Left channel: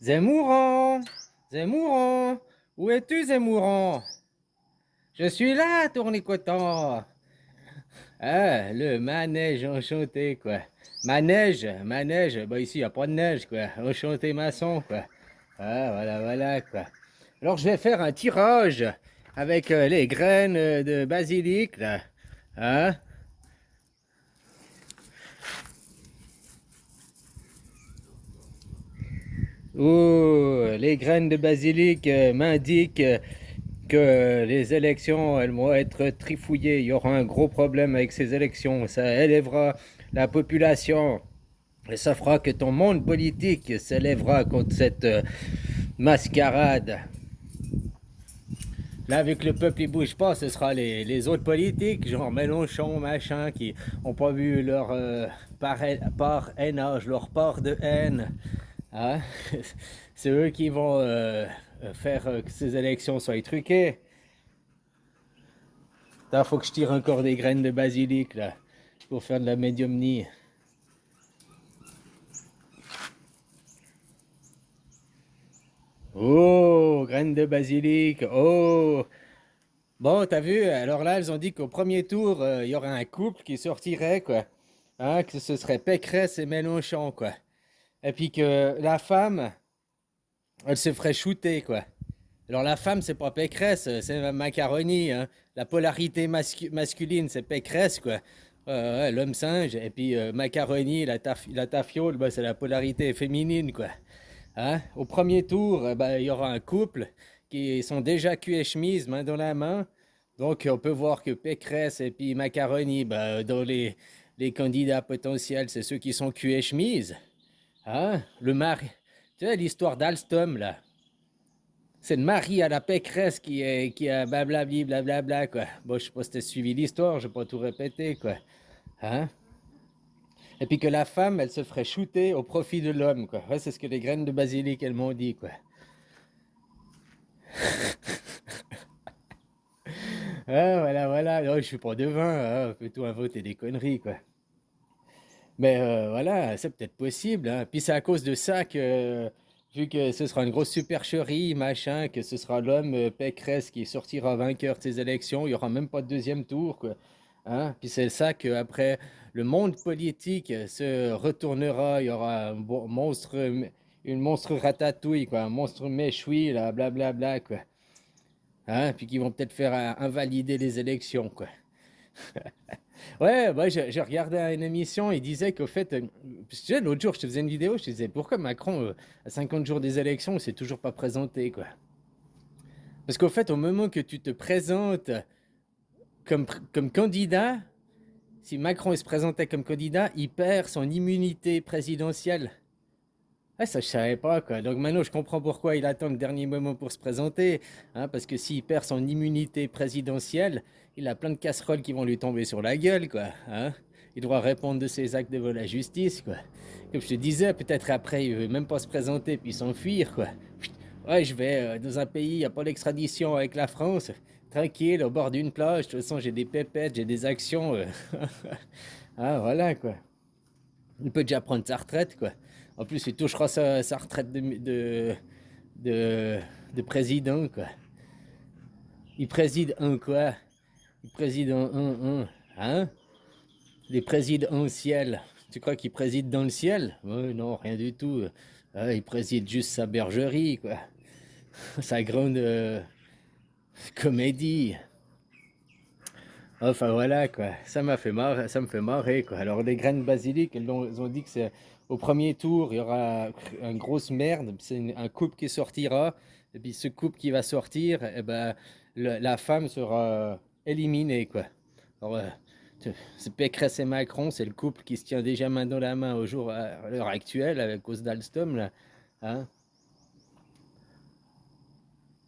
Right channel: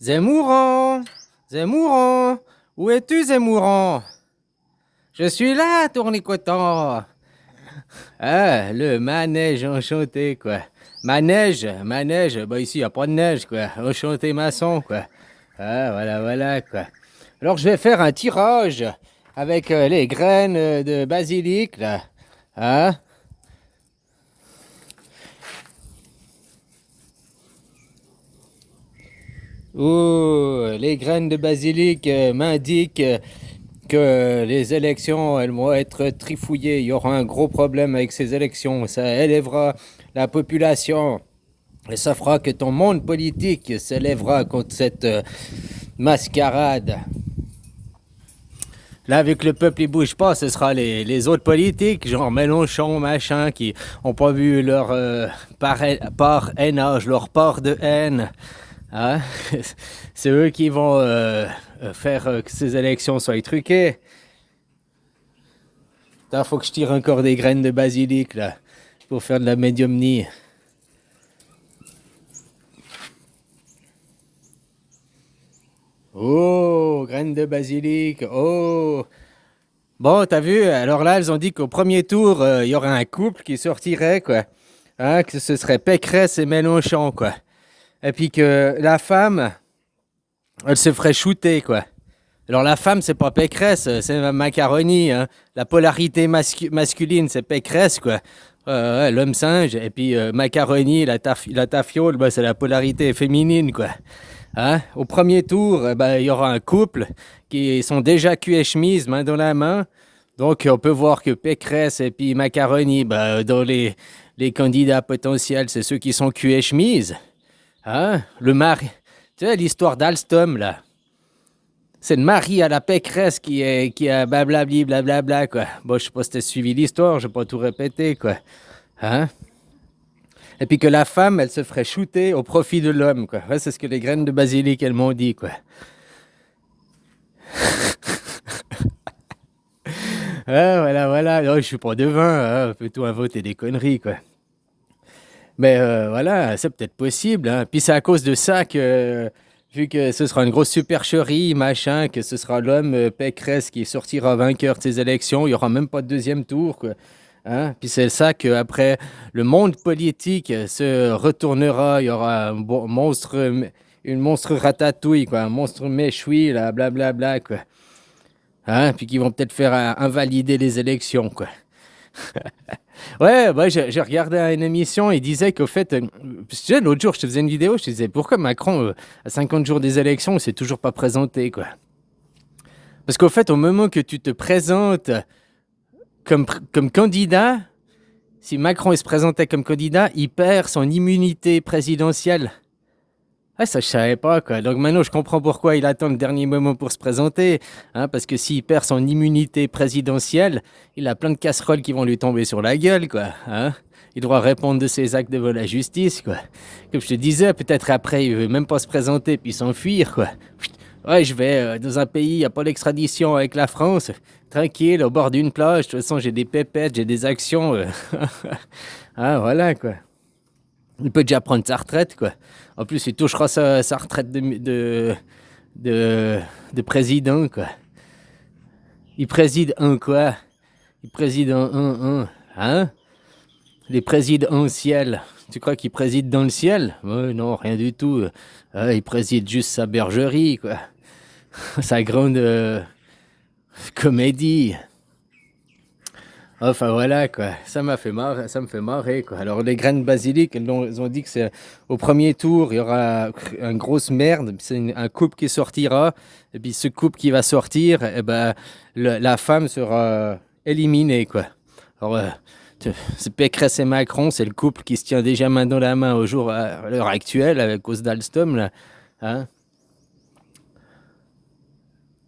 Zemmourant! Zemmourant! Où es-tu, Zemmourant? Je suis là, tournicotant! Ah, le manège enchanté, quoi. Manège, bah ici, y a pas de neige, quoi. Enchanté maçon, quoi. Ah, voilà, voilà, quoi. Alors, je vais faire un tirage avec les graines de basilic, là. Hein? Oh, les graines de basilic m'indiquent que les élections, elles vont être trifouillées. Il y aura un gros problème avec ces élections. Ça élèvera la population. Et ça fera que ton monde politique s'élèvera contre cette mascarade. Là, avec le peuple, il bouge pas, ce sera les autres politiques, genre Mélenchon, machin, qui ont pas vu leur parrainage, leur part de haine. Hein? C'est eux qui vont faire que ces élections soient truquées. Il faut que je tire encore des graines de basilic, là, pour faire de la médiumnie. Oh, graines de basilic, oh. Bon, t'as vu, alors là, elles ont dit qu'au premier tour, il y aurait un couple qui sortirait, quoi. Hein, que ce serait Pécresse et Mélenchon, quoi. Et puis que la femme, elle se ferait shooter, quoi. Alors la femme, c'est pas Pécresse, c'est Macaroni, hein. La polarité masculine, c'est Pécresse, quoi. Ouais, l'homme singe. Et puis Macaroni, la tafiole, bah, c'est la polarité féminine, quoi. Hein? Au premier tour, il y aura un couple qui sont déjà cul et chemise, main dans la main. Donc, on peut voir que Pécresse et puis Macaroni, dans les candidats potentiels, c'est ceux qui sont cul et chemise. Hein? Le mari. Tu sais, l'histoire d'Alstom, là. C'est le mari à la Pécresse qui a blablabli, blablabla, quoi. Bon, je sais pas si t'as suivi l'histoire, je vais pas tout répéter, quoi. Hein? Et puis que la femme, elle se ferait shooter au profit de l'homme, quoi. Ouais, c'est ce que les graines de basilic, elles m'ont dit, quoi. Ah, voilà, voilà. Non, je suis pas devin, hein. Plutôt inventer des conneries, quoi. Mais voilà, c'est peut-être possible, hein. Puis c'est à cause de ça que, vu que ce sera une grosse supercherie, machin, que ce sera l'homme Pécresse qui sortira vainqueur de ces élections, il y aura même pas de deuxième tour, quoi. Hein? Puis c'est ça qu'après, le monde politique se retournera, il y aura un monstre, une monstre ratatouille, quoi, un monstre méchoui, là, blablabla, quoi. Hein? Puis qui vont peut-être faire invalider les élections, quoi. Ouais, bah, j'ai regardé une émission, il disait qu'au fait, tu sais, l'autre jour, je te faisais une vidéo, je te disais, pourquoi Macron, à 50 jours des élections, il s'est toujours pas présenté, quoi. Parce qu'au fait, au moment que tu te présentes comme candidat, si Macron il se présentait comme candidat, il perd son immunité présidentielle. Ah, ça, je savais pas, quoi. Donc maintenant, je comprends pourquoi il attend le dernier moment pour se présenter. Hein, parce que s'il perd son immunité présidentielle, il a plein de casseroles qui vont lui tomber sur la gueule, quoi. Hein. Il doit répondre de ses actes devant la justice, quoi. Comme je te disais, peut-être après, il veut même pas se présenter puis s'enfuir, quoi. Ouais, je vais dans un pays, il n'y a pas d'extradition avec la France. Tranquille, au bord d'une plage. De toute façon, j'ai des pépettes, j'ai des actions. Ah, voilà, quoi. Il peut déjà prendre sa retraite, quoi. En plus, il touchera sa retraite de, de président, quoi. Il préside un quoi? Il préside un. Hein? Il préside un ciel. Tu crois qu'il préside dans le ciel? Non, rien du tout. Il préside juste sa bergerie, quoi. Sa grande comédie. Enfin voilà quoi, ça m'a fait marrer, ça me fait marrer quoi. Alors les graines de basilic, ils ont dit que c'est au premier tour, il y aura une grosse merde, c'est un couple qui sortira, et puis ce couple qui va sortir, eh ben, la femme sera éliminée quoi. Alors c'est Pécresse et Macron, c'est le couple qui se tient déjà main dans la main à l'heure actuelle à cause d'Alstom là. Hein.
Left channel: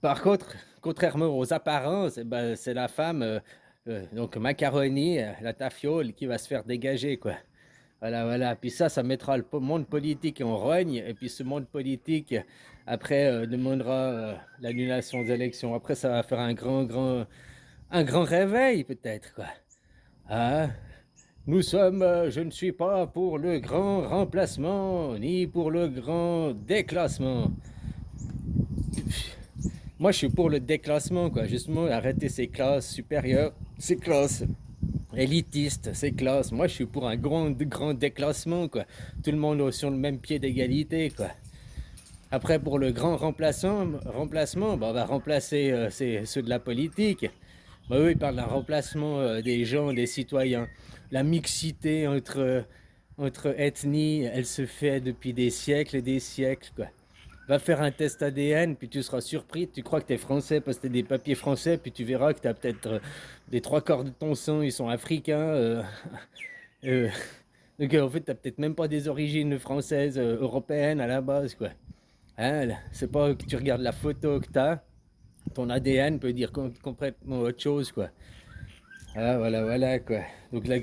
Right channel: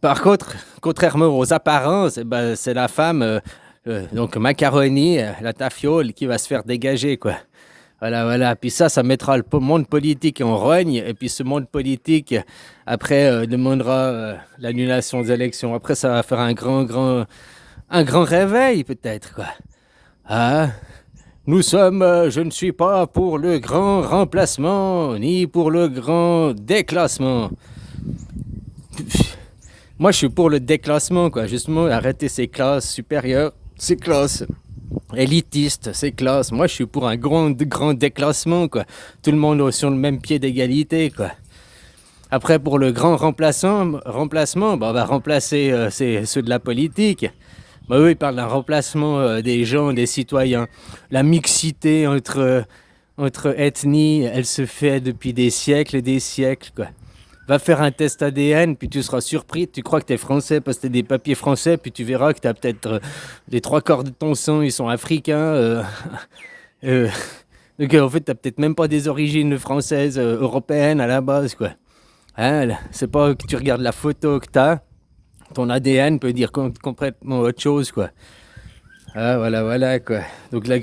Par contre, contrairement aux apparences, eh ben, c'est la femme, donc Macaroni, la tafiole, qui va se faire dégager, quoi. Voilà, voilà. Puis ça mettra le monde politique en rogne. Et puis ce monde politique, après, demandera l'annulation des élections. Après, ça va faire un grand réveil, peut-être, quoi. Ah, Je ne suis pas pour le grand remplacement, ni pour le grand déclassement. Moi, je suis pour le déclassement, quoi. Justement, arrêter ces classes supérieures, ces classes élitistes, ces classes. Moi, je suis pour un grand déclassement, quoi. Tout le monde sur le même pied d'égalité, quoi. Après, pour le grand remplacement, bah, on va remplacer ceux de la politique. Bah, eux, ils parlent d'un remplacement des gens, des citoyens. La mixité entre ethnies, elle se fait depuis des siècles et des siècles, quoi. Va faire un test ADN, puis tu seras surpris. Tu crois que tu es français parce que tu as des papiers français, puis tu verras que tu as peut-être les trois quarts de ton sang, ils sont africains. Euh, donc, en fait, tu n'as peut-être même pas des origines françaises, européennes à la base, quoi. Hein, c'est pas que tu regardes la photo que tu as, ton ADN peut dire complètement autre chose, quoi. Ah, voilà, quoi. Donc, le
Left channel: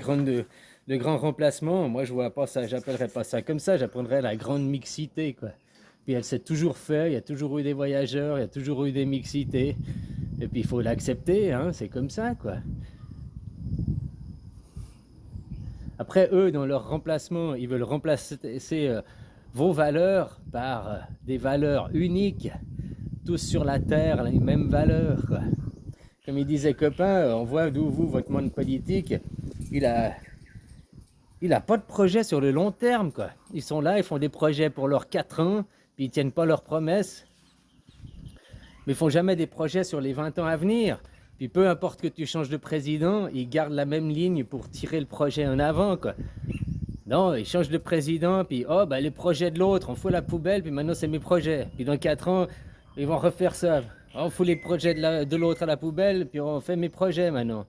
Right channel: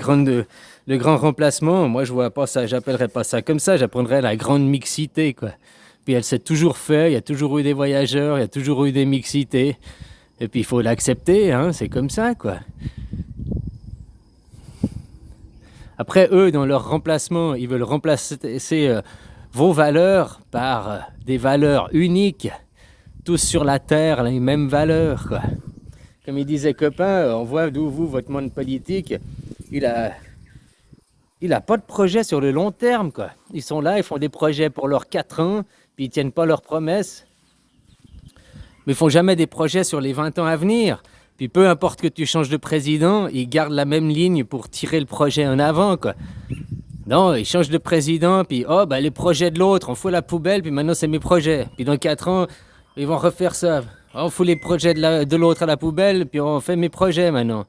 grand remplacement, moi, je vois pas ça, j'appellerais pas ça comme ça, j'apprendrais la grande mixité, quoi. Puis elle s'est toujours fait, il y a toujours eu des voyageurs, il y a toujours eu des mixités. Et puis il faut l'accepter, hein, c'est comme ça, quoi. Après, eux, dans leur remplacement, ils veulent remplacer vos valeurs par des valeurs uniques, tous sur la terre, les mêmes valeurs, quoi. Comme il disait copain, on voit d'où votre monde politique, il a pas de projet sur le long terme, quoi. Ils sont là, ils font des projets pour leurs 4 ans, puis ils tiennent pas leurs promesses. Mais ils font jamais des projets sur les 20 ans à venir. Puis peu importe que tu changes de président, ils gardent la même ligne pour tirer le projet en avant, quoi. Non, ils changent de président, puis oh, bah, les projets de l'autre, on fout la poubelle, puis maintenant c'est mes projets. Puis dans 4 ans, ils vont refaire ça. On fout les projets de l'autre à la poubelle, puis on fait mes projets maintenant.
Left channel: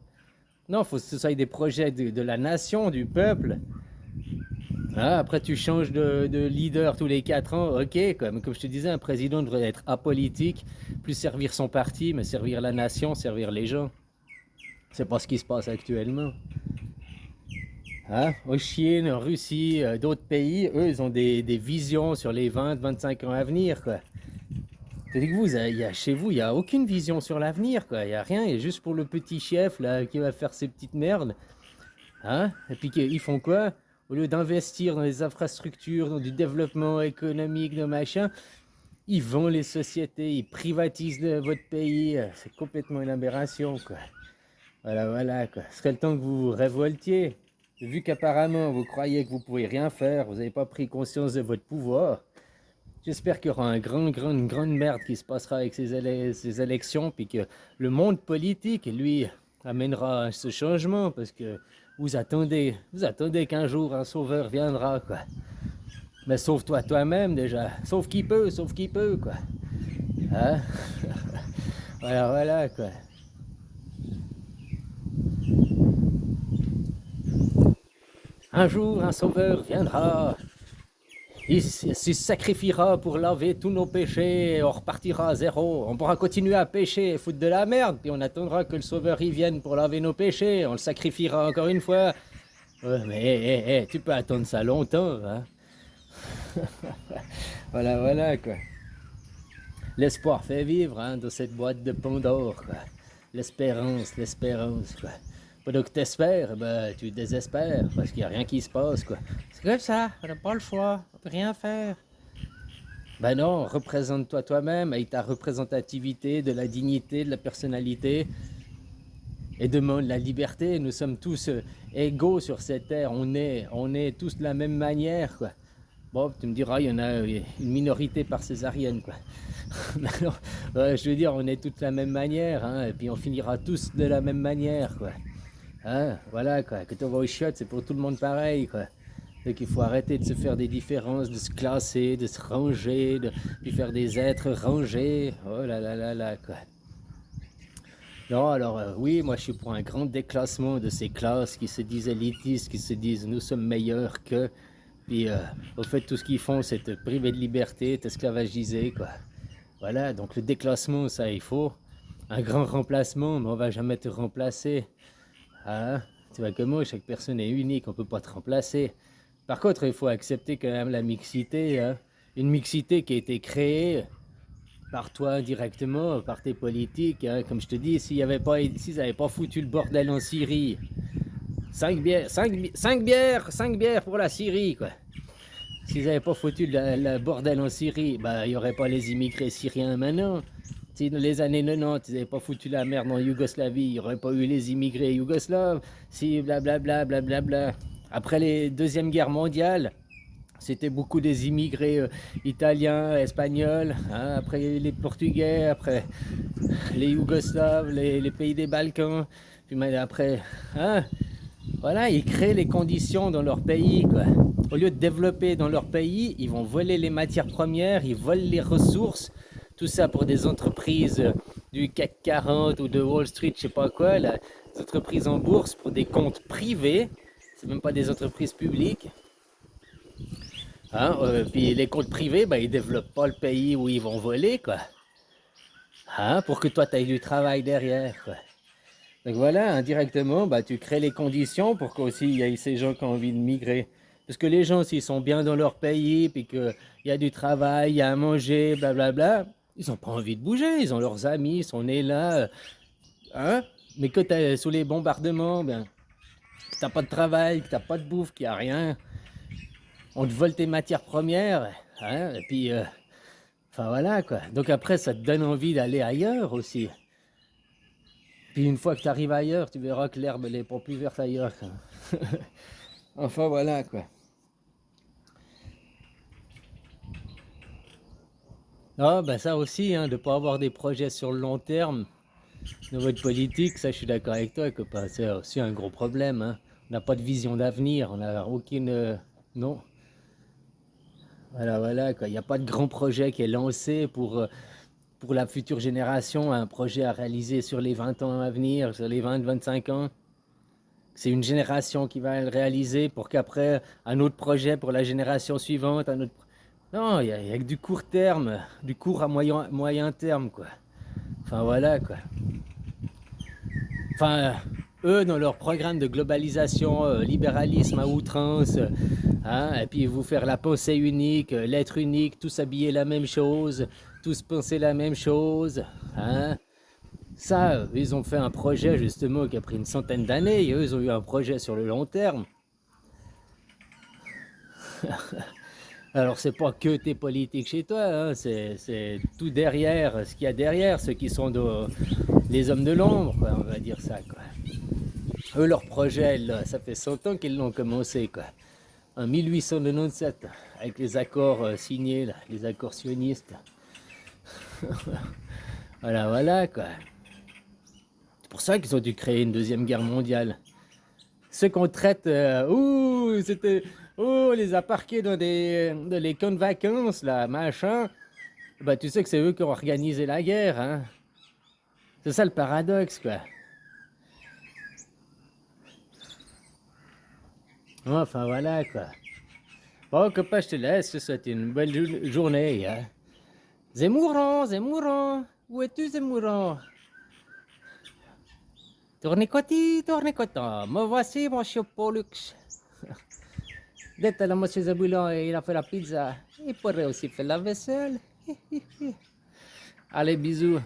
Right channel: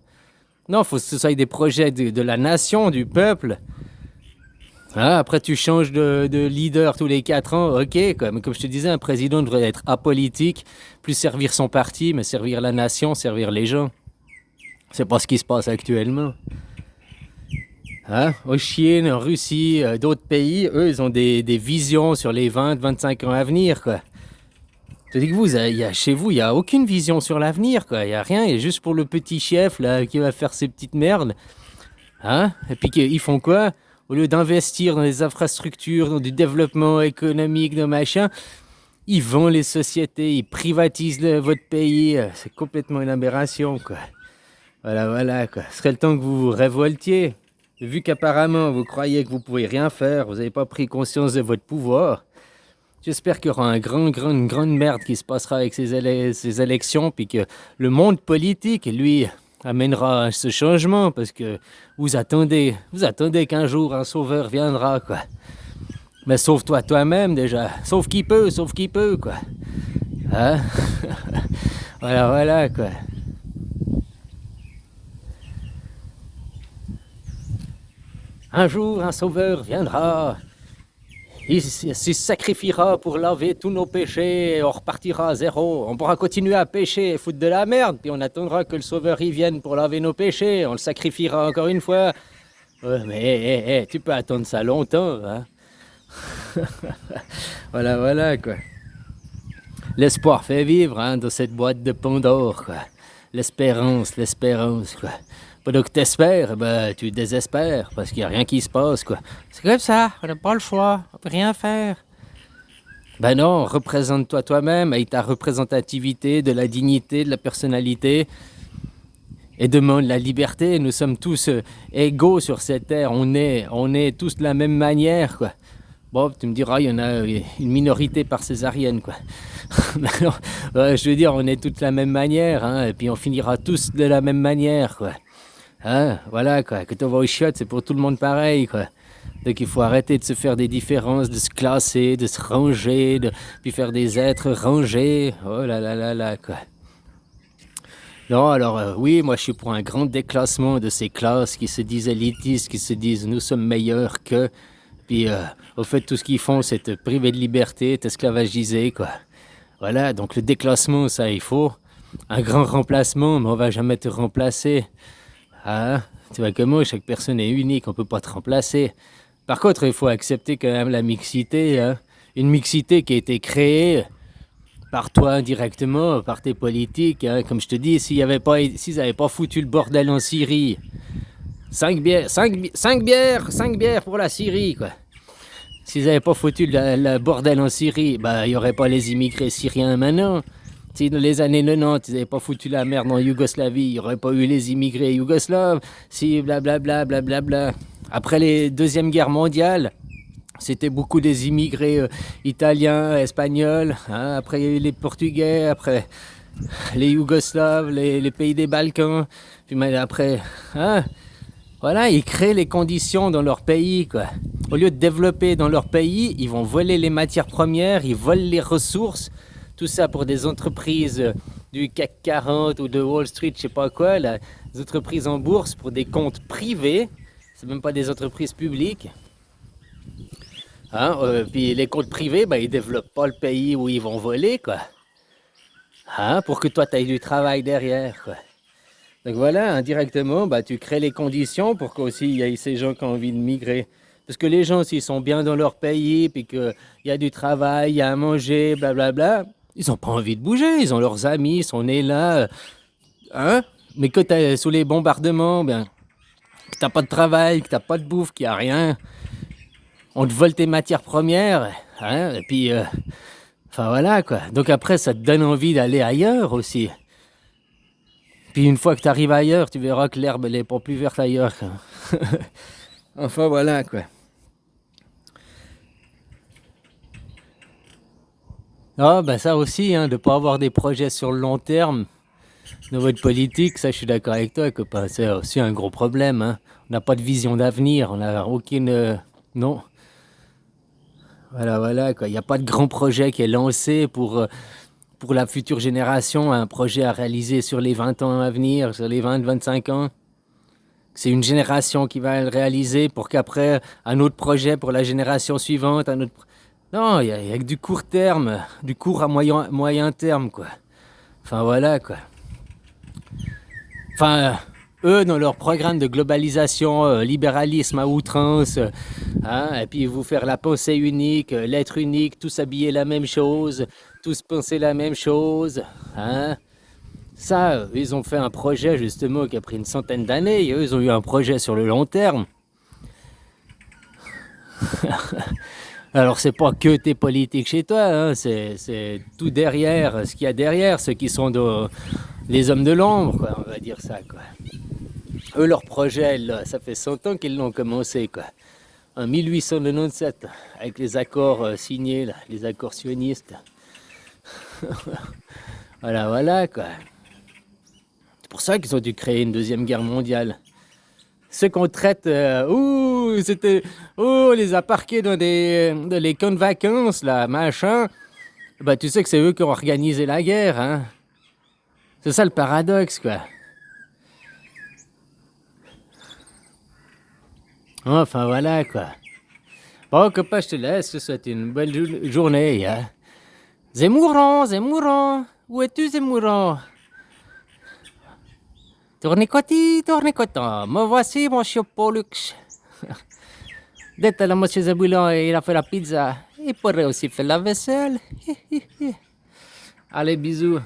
Non, il faut que ce soit des projets de la nation, du peuple. Ah, après, tu changes de leader tous les 4 ans, ok. Mais comme je te disais, un président devrait être apolitique, plus servir son parti, mais servir la nation, servir les gens. C'est pas ce qui se passe actuellement. Hein? En Chine, en Russie, d'autres pays, eux, ils ont des visions sur les 20-25 ans à venir, quoi. Je te dis que chez vous, il n'y a aucune vision sur l'avenir, quoi. Il n'y a rien, il y a juste pour le petit chef, là, qui va faire ses petites merdes. Hein? Et puis, ils font quoi? Au lieu d'investir dans les infrastructures, dans du développement économique, dans machin, ils vendent les sociétés, ils privatisent votre pays. C'est complètement une aberration, quoi. Voilà, quoi. Ce serait le temps que vous vous révoltiez. Vu qu'apparemment, vous croyez que vous pouvez rien faire, vous n'avez pas pris conscience de votre pouvoir. J'espère qu'il y aura une grande merde qui se passera avec ces élections, puis que le monde politique, lui, amènera ce changement, parce que vous attendez qu'un jour un sauveur viendra, quoi. Mais sauve-toi toi-même déjà. Sauve qui peut, quoi. Hein? Voilà, quoi. Un jour, un sauveur viendra. Il se sacrifiera pour laver tous nos péchés et on repartira à zéro. On pourra continuer à pécher et foutre de la merde, puis on attendra que le sauveur y vienne pour laver nos péchés. On le sacrifiera encore une fois. Ouais, mais tu peux attendre ça longtemps, hein? Voilà, quoi. L'espoir fait vivre, hein, dans cette boîte de Pandore, quoi. L'espérance, quoi. Pendant que t'espères, ben, tu désespères, parce qu'il n'y a rien qui se passe, quoi. C'est comme ça, on n'a pas le choix, on peut rien faire. Ben non, représente-toi toi-même, avec ta représentativité, de la dignité, de la personnalité, et demande la liberté. Nous sommes tous égaux sur cette terre, on est tous de la même manière, quoi. Bon, tu me diras, il y en a une minorité par césarienne, quoi. Non, je veux dire, on est tous de la même manière, hein, et puis on finira tous de la même manière, quoi. Hein, voilà, quoi. Quand on va au chiottes, c'est pour tout le monde pareil, quoi. Donc il faut arrêter de se faire des différences, de se classer, de se ranger, puis faire des êtres rangés. Oh là, quoi. Non, alors oui, moi je suis pour un grand déclassement de ces classes qui se disent élitistes, qui se disent nous sommes meilleurs que. Puis au fait, tout ce qu'ils font, c'est te priver de liberté, t'esclavagiser, quoi. Voilà, donc le déclassement, ça il faut. Un grand remplacement, mais on va jamais te remplacer. Hein? Tu vois que moi, chaque personne est unique, on peut pas te remplacer. Par contre, il faut accepter quand même la mixité, hein? Une mixité qui a été créée par toi directement, par tes politiques, hein? Comme je te dis, s'ils n'avaient pas foutu le bordel en Syrie, Cinq bières pour la Syrie, quoi. S'ils n'avaient pas foutu le bordel en Syrie, bah, il n'y aurait pas les immigrés syriens maintenant. Si dans les années 90, ils n'avaient pas foutu la merde en Yougoslavie, il n'y aurait pas eu les immigrés yougoslaves. Si, blablabla, blablabla. Après les Deuxième Guerre mondiale, c'était beaucoup des immigrés italiens, espagnols. Hein. Après, il y a eu les Portugais, après les Yougoslaves, les pays des Balkans. Puis après, hein, voilà, ils créent les conditions dans leur pays, quoi. Au lieu de développer dans leur pays, ils vont voler les matières premières, ils volent les ressources. Tout ça pour des entreprises du CAC 40 ou de Wall Street, je sais pas quoi, là, des entreprises en bourse pour des comptes privés. C'est même pas des entreprises publiques. Hein, puis les comptes privés, ben, ils développent pas le pays où ils vont voler, quoi. Hein, pour que toi, tu aies du travail derrière, quoi. Donc voilà, indirectement, bah, tu crées les conditions pour qu'aussi il y ait ces gens qui ont envie de migrer. Parce que les gens, s'ils sont bien dans leur pays, puis qu'il y a du travail, il y a à manger, blablabla, ils n'ont pas envie de bouger. Ils ont leurs amis, ils sont nés là. Hein? Mais que tu es sous les bombardements, ben, que tu n'as pas de travail, que tu n'as pas de bouffe, qu'il n'y a rien, on te vole tes matières premières. Hein? Et puis, enfin voilà quoi. Donc après, ça te donne envie d'aller ailleurs aussi. Puis une fois que tu arrives ailleurs, tu verras que l'herbe, elle est pas plus verte ailleurs. Enfin voilà quoi. Ah ben ça aussi, hein, de ne pas avoir des projets sur le long terme dans votre politique, ça je suis d'accord avec toi, copain. C'est aussi un gros problème. Hein. On n'a pas de vision d'avenir, on n'a aucune... non. Voilà quoi. Il n'y a pas de grand projet qui est lancé pour la future génération, un projet à réaliser sur les 20 ans à venir, sur les 20-25 ans. C'est une génération qui va le réaliser pour qu'après, un autre projet pour la génération suivante, un autre... Non, il y a que du court terme, du court à moyen terme, quoi. Enfin, voilà, quoi. Enfin, eux, dans leur programme de globalisation, libéralisme à outrance, hein, et puis vous faire la pensée unique, l'être unique, tous habiller la même chose, tous penser la même chose, hein. Ça, ils ont fait un projet justement qui a pris une centaine d'années. Eux, ils ont eu un projet sur le long terme. Alors, c'est pas que tes politiques chez toi, hein, c'est tout derrière, ce qu'il y a derrière, ceux qui sont les hommes de l'ombre, quoi, on va dire ça, quoi. Eux, leur projet, là, ça fait 100 ans qu'ils l'ont commencé, quoi. En 1897, avec les accords signés, là, les accords sionistes. Voilà, quoi. C'est pour ça qu'ils ont dû créer une deuxième guerre mondiale. Ceux qu'on traite, on les a parqués dans les camps de vacances, là, machin. Bah, tu sais que c'est eux qui ont organisé la guerre, hein. C'est ça le paradoxe, quoi. Enfin, voilà, quoi. Bon, copain, je te laisse, je te souhaite une belle journée, hein. Zemmourant, où es-tu, Zemmourant? Tournicoti, me voici, mon chien Pollux. Dès là, monsieur Zaboulan, il a fait la pizza. Il pourrait aussi faire la vaisselle. Allez, bisous.